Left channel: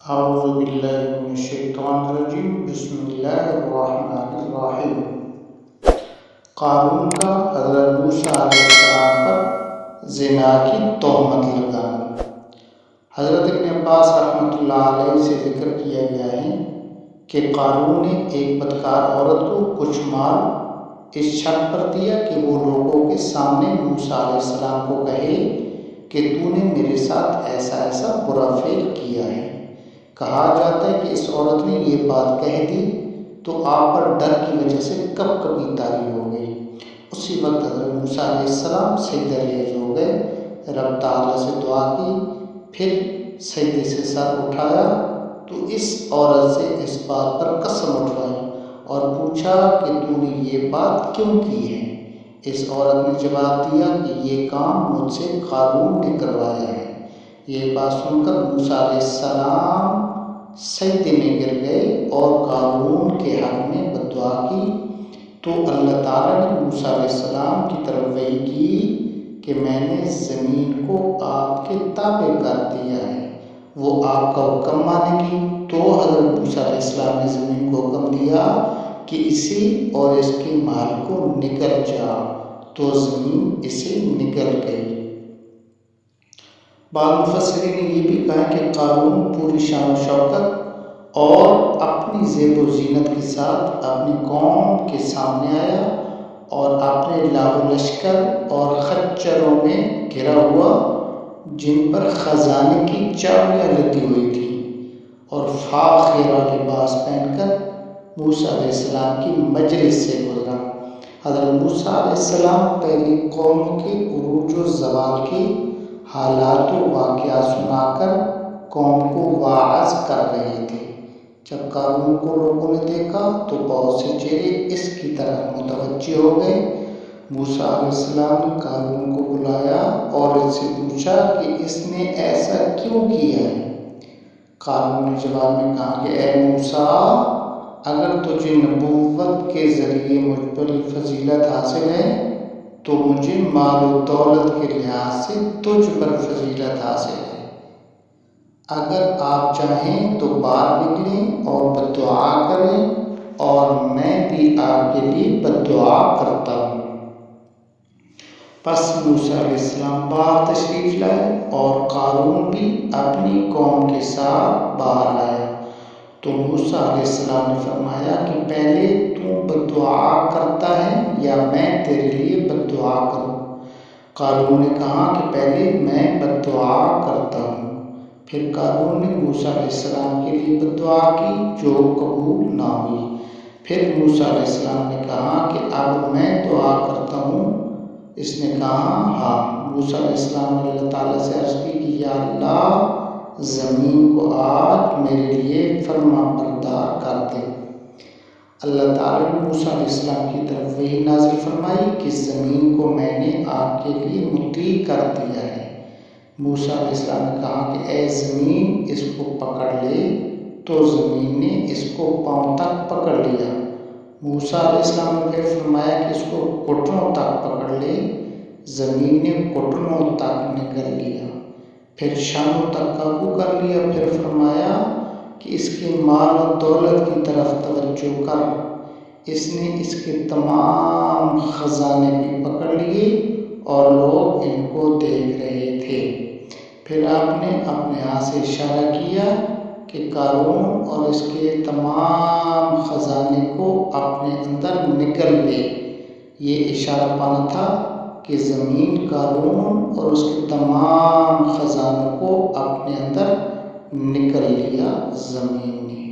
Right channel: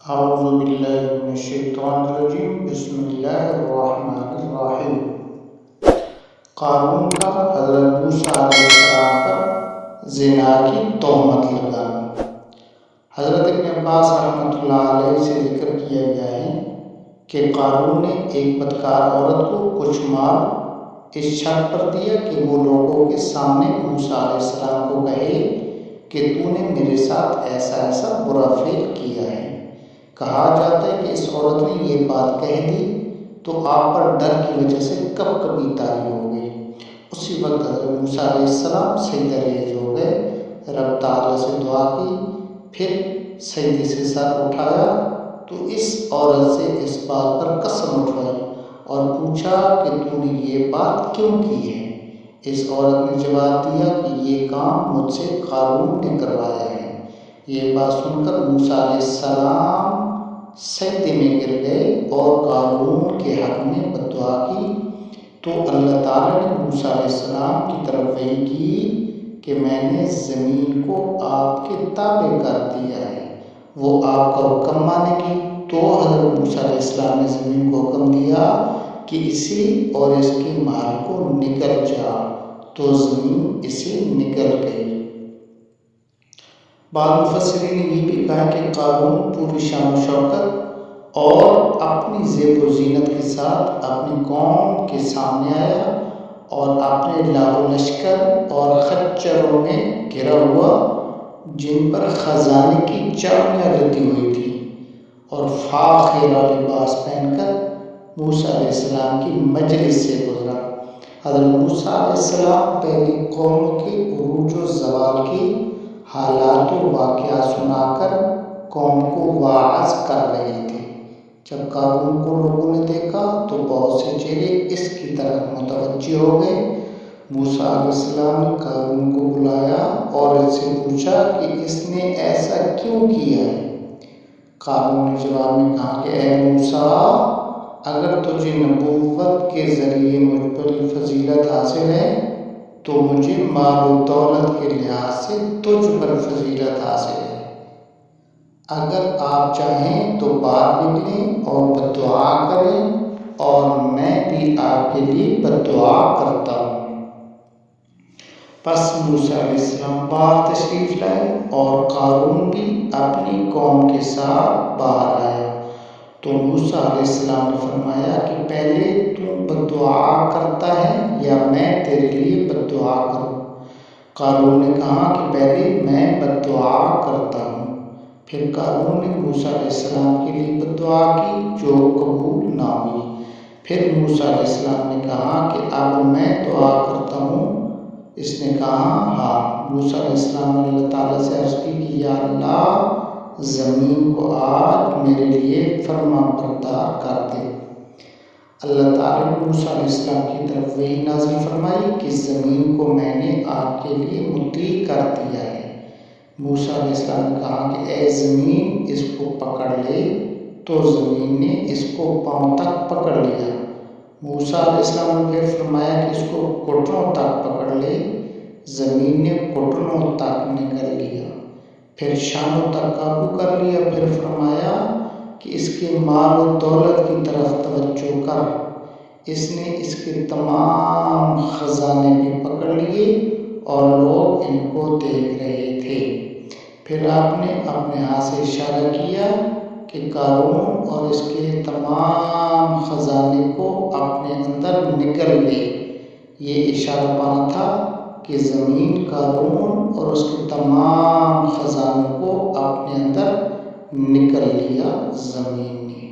اعوذ باللہ من الشیطان الرجیم بسم اللہ الرحمن الرحیم۔ قارون کا حضرت موسیٰ علیہ السلام پر زنا کی تہمت لگانا۔ حضرت ابن عباس رحمۃ اللہ علیہ سے ذکر کیا گیا ہے کہ قارون نے ایک بدکار عورت کو کچھ مال اس شرط پر دیا کہ وہ لوگوں کے سامنے موسیٰ علیہ السلام کو کہے کہ تو نے میرے ساتھ ایسا ایسا برا فعل کیا ہے۔ کہا جاتا ہے کہ اس عورت نے یہ بات کہہ دی تو آپ پر ڈر کی وجہ سے کب کبھی طاری ہو گئی۔ اسی وقت حضرت موسیٰ علیہ السلام سجدہ ریز ہو گئے، رب تعالیٰ سے دعا کی، پھر سجدے سے سر اٹھایا تو اس عورت سے اس بات پر قسم اٹھوائی اور پوچھا کہ تو نے یہ بات کیوں کی ہے؟ اس عورت نے جواب دیا کہ یہ کام مجھ سے قارون نے کروایا ہے۔ یہ بات سن کر موسیٰ علیہ السلام سجدے میں گر گئے اور قارون کے حق میں بد دعا کی، تو اللہ تعالیٰ نے موسیٰ علیہ السلام کی طرف وحی کی کہ میں نے زمین کو آپ کے تابع کر دیا ہے، وہ آپ کا حکم مانے گی۔ تو حضرت موسیٰ علیہ السلام نے زمین کو حکم دیا کہ اسی اور اس کے مال کو نگل جا، تو زمین اسے نگل گئی۔ بعض مفسرین نے یہ بھی کہا کہ قارون پوری شان و شوکت اور اپنی زیب و زینت کے ساتھ اپنی قوم کے سامنے آیا اور اپنے لاہ و لشکر اور خچروں میں گھرا ہوا، جن پر خزانے کی چابیاں لدی ہوئی تھیں، اور فاخرہ لباس پہن کر موسیٰ علیہ السلام کی مجلس سے گزرا۔ حضرت موسیٰ علیہ السلام پہلی قوموں کے عروج و زوال کی حالات و واقعات سنا کر قوم کو واعظ کر رہے تھے۔ جب قارون کو لوگوں نے دیکھا تو بہت سے چہرے اس کی طرف متوجہ ہو گئے۔ موسیٰ علیہ السلام نے قارون کو بلایا اور اس سے پوچھا کہ اس نے ایسا کیوں کیا ہے؟ قارون نے جواب میں کہا کہ اے موسیٰ، اگر تجھے نبوت کے ذریعے مجھ پر فضیلت حاصل ہے تو مجھے مال و دولت کے لحاظ سے تجھ پر فضیلت حاصل ہے۔ اگر آپ چاہیں تو باہر نکلیں اور بد دعا کریں، اور میں بھی آپ کے لیے بد دعا کرتا ہوں۔ پس موسیٰ علیہ السلام باہر تشریف لائے اور قارون بھی اپنی قوم کے ساتھ باہر آیا۔ تو موسیٰ علیہ السلام نے فرمایا کہ پہلے تو بد دعا کرتا ہے یا میں تیرے لیے بد دعا کروں؟ قارون نے کہا کہ پہلے میں بد دعا کرتا ہوں۔ پھر قارون نے موسیٰ علیہ السلام کے لیے بد دعا کی جو قبول نہ ہوئی۔ پھر موسیٰ علیہ السلام نے کہا کہ اب میں دعا کرتا ہوں۔ اس نے کہا ہاں۔ موسیٰ علیہ السلام نے اللہ تعالیٰ سے عرض کی کہ یا اللہ، زمین کو آج میرے لیے فرما بردار کر دے۔ اللہ تعالیٰ نے موسیٰ علیہ السلام کی طرف وحی نازل فرمائی کہ زمین کو میں نے آپ کے لیے مطیع کر دیا ہے۔ موسیٰ علیہ السلام نے کہا کہ اے زمین، اس کو پکڑ لے، تو زمین نے اس کو پاؤں تک پکڑ لیا۔ موسیٰ علیہ السلام نے پھر فرمایا کہ اس کو گھٹنوں تک پکڑ لے، زمین نے گھٹنوں تک نگل لیا۔ پھر شانوں تک قابو کر لیا۔ پھر فرمایا کہ اس کے مال و دولت کی طرف توجہ کر۔ اس نے اس کے تمام خزانے بھی پکڑ لیے اور لوگ ان کو دیکھ رہے تھے۔ پھر آپ نے اپنے ہاتھ سے اشارہ کیا کہ قارون اور اس کے تمام خزانے کو اپنے اندر نگل لے۔ یہ اشارہ پانا تھا کہ زمین قارون اور اس کے تمام خزانوں کو اپنے اندر نکل لیا زمین نے۔